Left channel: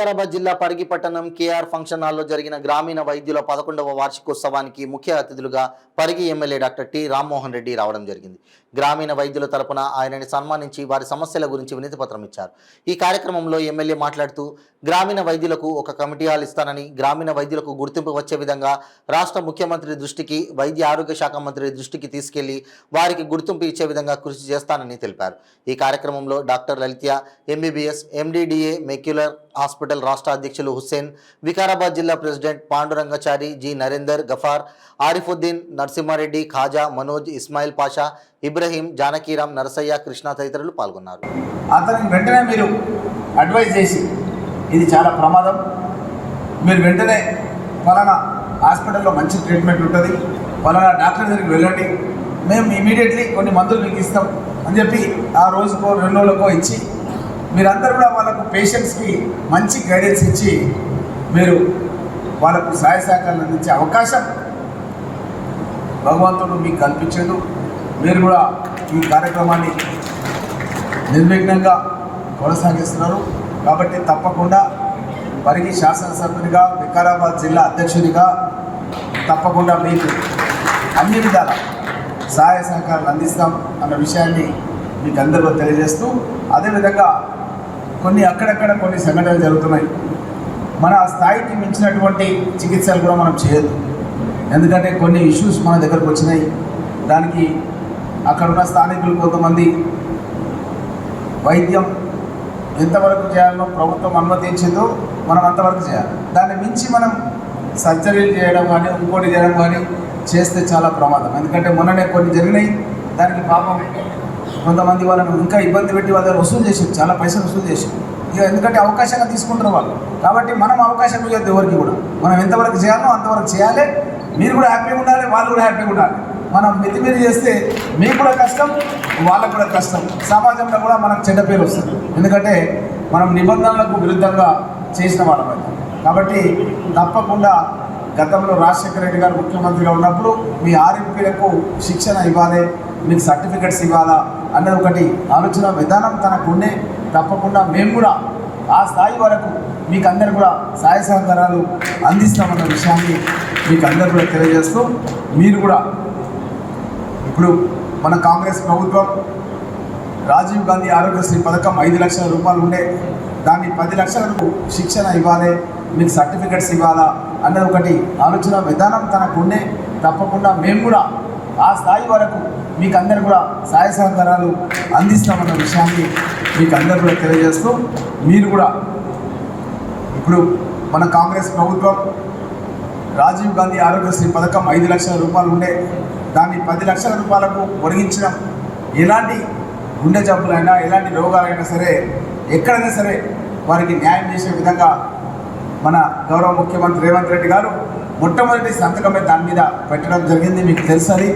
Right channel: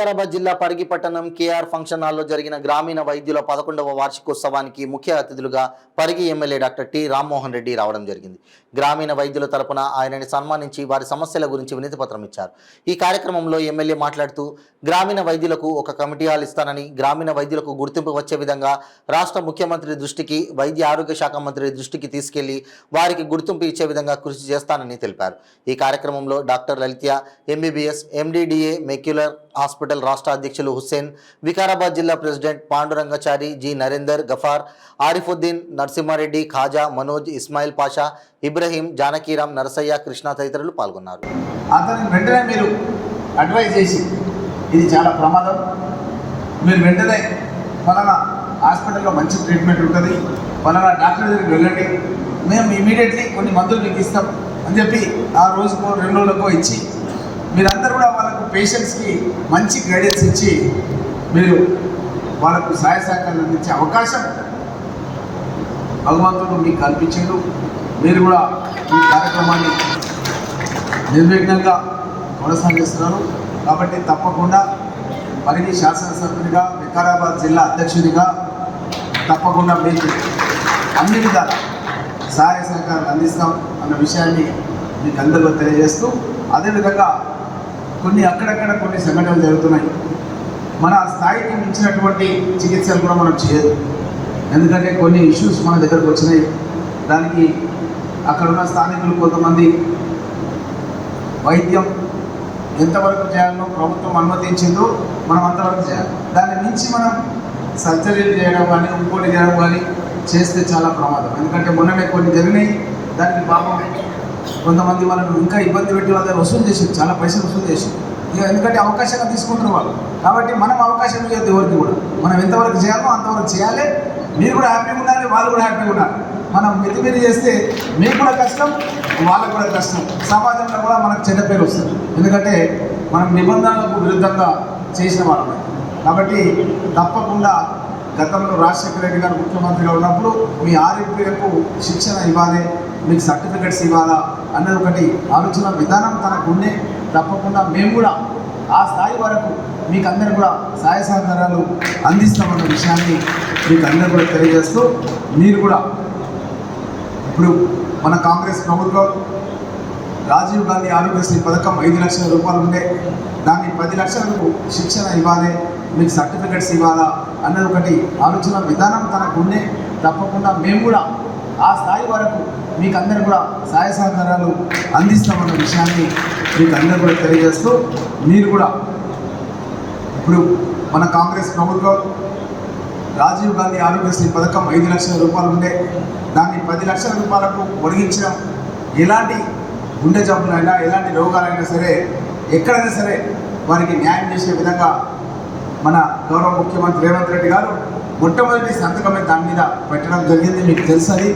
వికారాబాద్ జిల్లా పరిగి పట్టణం KR function హాల్లో జరిగిన గ్రామీణ వైద్యుల 11వ వార్షికోత్సవానికి ముఖ్య అతిథులుగా Parigi MLA doctor T Rammohan Reddy రావడం జరిగింది. గ్రామీణ వైద్యుల తరపున ఆయనని సన్మానించి వారి సమస్యల గురించి వినతి పత్రం ఇచ్చారు. ఈ కార్యక్రమంలో ఎమ్మెల్యే మాట్లాడుతూ గ్రామీణ వైద్యులకు ఒక కమిటీ హాల్ ఇస్తానని, గ్రామీణ వైద్యులకు గుర్తింపు వచ్చే విధంగా రాష్ట్ర ముఖ్యమంత్రి దృష్టికి, వైద్య ఆరోగ్య శాఖ మంత్రి దృష్టికి తీసుకెళ్లి వారికి గుర్తింపు ఇచ్చే విధంగా కృషి చేస్తానని తెలిపారు. ఈ కార్యక్రమంలో డాక్టర్ లలిత్య ఎంబీబీఎస్ ఎండిడిఏ మెక్యులర్ హాస్పిటల్ రాష్ట్ర అధ్యక్షులు హుస్సేన్, వికారాబాద్ జిల్లా ప్రెసిడెంట్ పాండురంగాచారి, జి నరేందర్, గఫార్, ఆరిఫుద్దీన్, నరసింహారెడ్డి, ఖాజా, మనోజ్, ఇస్మాయిల్ పాషా, ఇబ్రహీం, జానకీరాం, నరసయ్య, కృష్ణ తదితరులు పాల్గొన్నారు. అతను వెంటనే మీరు అడ్వైజ్ చేసి ఇది చాలా ప్రమాదం, మీరు వెంటనే ఫలానా హాస్పిటల్లో మంచి ట్రీట్మెంట్ ఉంటుంది, ఫలానా డాక్టర్ దగ్గరికి వెళ్ళండి, మేము ఇమీడియట్లీ కొన్ని మందులు మీకు ఇస్తాం అని చెప్పి ఆ రోజుకో 2 రోజులకో ఇచ్చి మీరందరూ కూడా వాళ్ళకు పేషెంట్స్కి మంచి గైడెన్స్ ఇచ్చి మీరు వాళ్ళకు సహాయ సహకారాలు అందించే అవకాశం భగవంతుడు మీకు కల్పించాడు. మీరు కూడా ఈ కార్యక్రమాన్ని నిర్విఘ్నంగా కొనసాగిస్తున్నారు. కాబట్టి తప్పకుండా పరిగి శాసనసభ్యునిగా, వికారాబాద్ జిల్లా అధ్యక్షునిగా తప్పకుండా మీకు అన్ని విధాల సహాయ సహకారాలు అందిస్తాం అన్న విషయాన్ని మీకు అందరిలో తెలియజేస్తూ, అదేవిధంగా అక్కడక్కడ కొన్ని సంఘటనలు జరుగుతున్నాయి. మన స్థాయికి మించినటువంటి చికిత్సలు కూడా మనం చేయదు. ఎందుకంటే కొన్ని ఇష్యూస్ మన దగ్గరకు వచ్చినాయి. దానికి అక్కడున్న స్థానికులు కొంతమంది వైద్యం ఎంతవరకు చేయాలో ప్రభుత్వం అనుమతించిందో మనం అంతవరకు చేయాలి. దాన్ని మించి మనం సర్జరీలు చేయడం కానీ ఇంకోటి చేయడం కానీ చేస్తే చాలా ప్రమాదం. ఎందుకంటే మొన్ననే కొన్ని జరిగినాయి. దానికి పాపం కొంతమంది వాళ్ళను ఇంకా ఇబ్బంది పెట్టి వాళ్ళ దగ్గర వసూలు చేసి చాలా పైసలు వసూలు చేసి ఎందుకంటే అవకాశంగా తీసుకుంటున్నారు వాళ్ళు. కాబట్టి మనం అవకాశం ఇవ్వద్దు ఎవరికి కూడా. మనం ఎంతవరకు చేయాలో అంతవరకు చేయాలి. మీరు కూడా హ్యాపీగా ఉండాలి, వాళ్ళు కూడా హ్యాపీగా ఉండాలి. మనం మితిమీరి చేస్తే మీకు కూడా కష్టం, వాళ్ళకు కూడా కష్టం, సమాజంలో కూడా మనకు చెడ్డ పేరు వస్తుంది. ఎందుకంటే మనం నిబంధనలకు విరుద్ధంగా చేసిన వాళ్ళమే. కాబట్టి తప్పకుండా గతంలో రాజశేఖర రెడ్డి గారు ముఖ్యమంత్రిగా ఉన్నప్పుడు మీ ఆర్ఎంపీలకు శిక్షణ ఇవ్వాలి, మీకు సర్టిఫికెట్స్ ఇవ్వాలా అన్నది ఒకటి ఆలోచన విధానం తనకుండే. తప్పకుండా మేము కూడా ఆ స్థాయి వరకు మీకు అందరు కూడా సహాయ సహకారాలు అందిస్తామన్న విషయాన్ని మీకు అందరూ కూడా తెలియజేస్తూ, మీరు కూడా ఇప్పుడు మన కాంగ్రెస్ ప్రభుత్వం రాజీవ్ గాంధీ ఆరోగ్యశ్రీ పథకం 5 లక్షల రూపాయలు ఉండే దాన్ని 10 లక్షలకు శిక్షణ ఇవ్వాలి, మీకు సర్టిఫికెట్స్ ఇవ్వాలా అన్నది ఒకటి ఆలోచన విధానం తనకుండే. తప్పకుండా మేము కూడా ఆ స్థాయి వరకు మీకు అందరు కూడా సహాయ సహకారాలు అందిస్తామన్న విషయాన్ని మీకు అందరూ కూడా తెలియజేస్తూ, మీరు కూడా ఇప్పుడు మన కాంగ్రెస్ ప్రభుత్వం రాజీవ్ గాంధీ ఆరోగ్యశ్రీ పథకం 5 లక్షల రూపాయలు ఉండే దాన్ని 10 లక్షల రూపాయలకు పొడిగించడం, ఎలాంటి గుండె జబ్బులైనా ఎలాంటి రోగాలైనా సరే ఎక్కడైనా సరే వారికి న్యాయం చేసే విధంగా మన గౌరవ ముఖ్యమంత్రి రేవంత్ రెడ్డి గారు మొట్టమొదటి సంతకమే దాని మీద పెట్టడం జరిగింది. మీకు తెలుసది.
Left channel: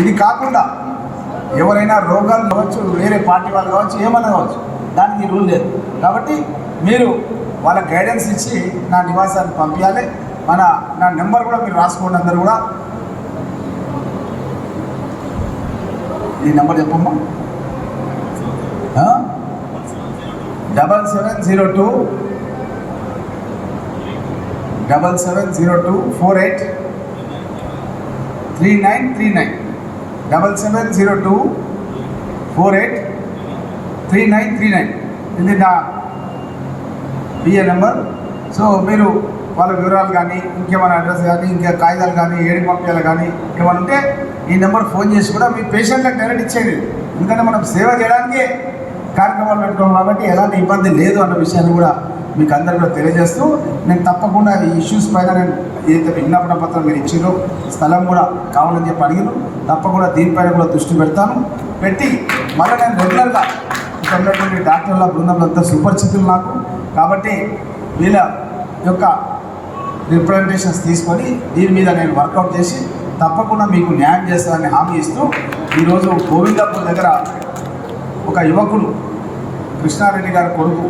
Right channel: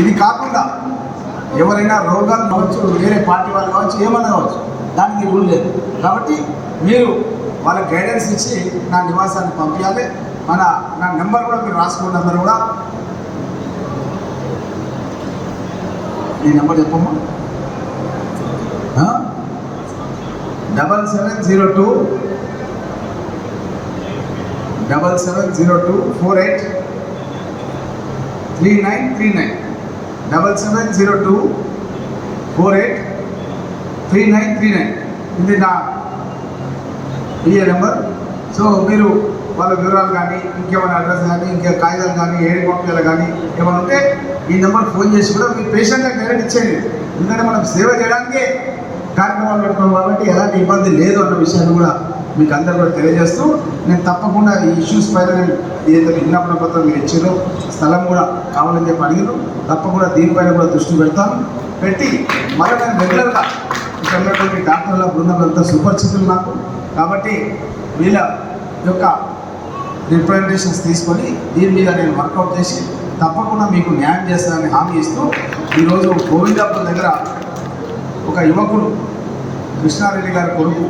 ఇది కాకుండా ఎవరైనా రోగాలు కావచ్చు, వేరే పార్టీ వాళ్ళు కావచ్చు, ఏమన్నా కావచ్చు, దానికి రూల్ లేదు. కాబట్టి మీరు వాళ్ళ గైడెన్స్ ఇచ్చి నా నివాసానికి పంపించాలి. నా నెంబర్ కూడా మీరు రాసుకోండి. అందరూ కూడా ఈ నెంబర్ చెప్పమ్మా, 7702 483939 7702 483939 ఇది నా పిఏ నెంబర్. సో మీరు వాళ్ళ వివరాలు కానీ ఇంకేమైనా అడ్రస్ కానీ ఇంకా కాగితాలు కానీ ఏడికి పంపించాలి కానీ ఏమైనా ఉంటే ఈ నెంబర్ ఫోన్ చేసి కూడా మీ పేషెంట్లకు డైరెక్ట్ ఇచ్చేయండి. ఎందుకంటే మనం సేవ చేయడానికే కార్యక్రమాలు పెట్టుకోం కాబట్టి ఎలాంటి ఇబ్బంది లేదు అన్న విషయాన్ని కూడా మీకు అందరూ కూడా తెలియజేస్తూ, నేను తప్పకుండా ఈ ఇష్యూస్ పైన నేను ఏదైతే విజ్ఞాపన పత్రం మీరు ఇచ్చారో స్థలం కూడా కావాలని చెప్పి అడిగారు. తప్పకుండా దీనిపైన కూడా దృష్టి పెడతాను. పెట్టి మళ్ళీ నేను రెగ్యులర్గా ఇక్కడ ఉన్నటువంటి డాక్టర్ల బృందంలో సుపరిచితులు నాకు. కాబట్టి వీళ్ళ యొక్క రిప్రజెంటేషన్స్ తీసుకొని దీని మీద నేను వర్కౌట్ చేసి తప్పకుండా మీకు న్యాయం చేస్తానని హామీ ఇస్తూ, ఈరోజు గోవిందాపూర్ దగ్గర ఒక యువకుడు కృష్ణారెడ్డి గారి కొడుకు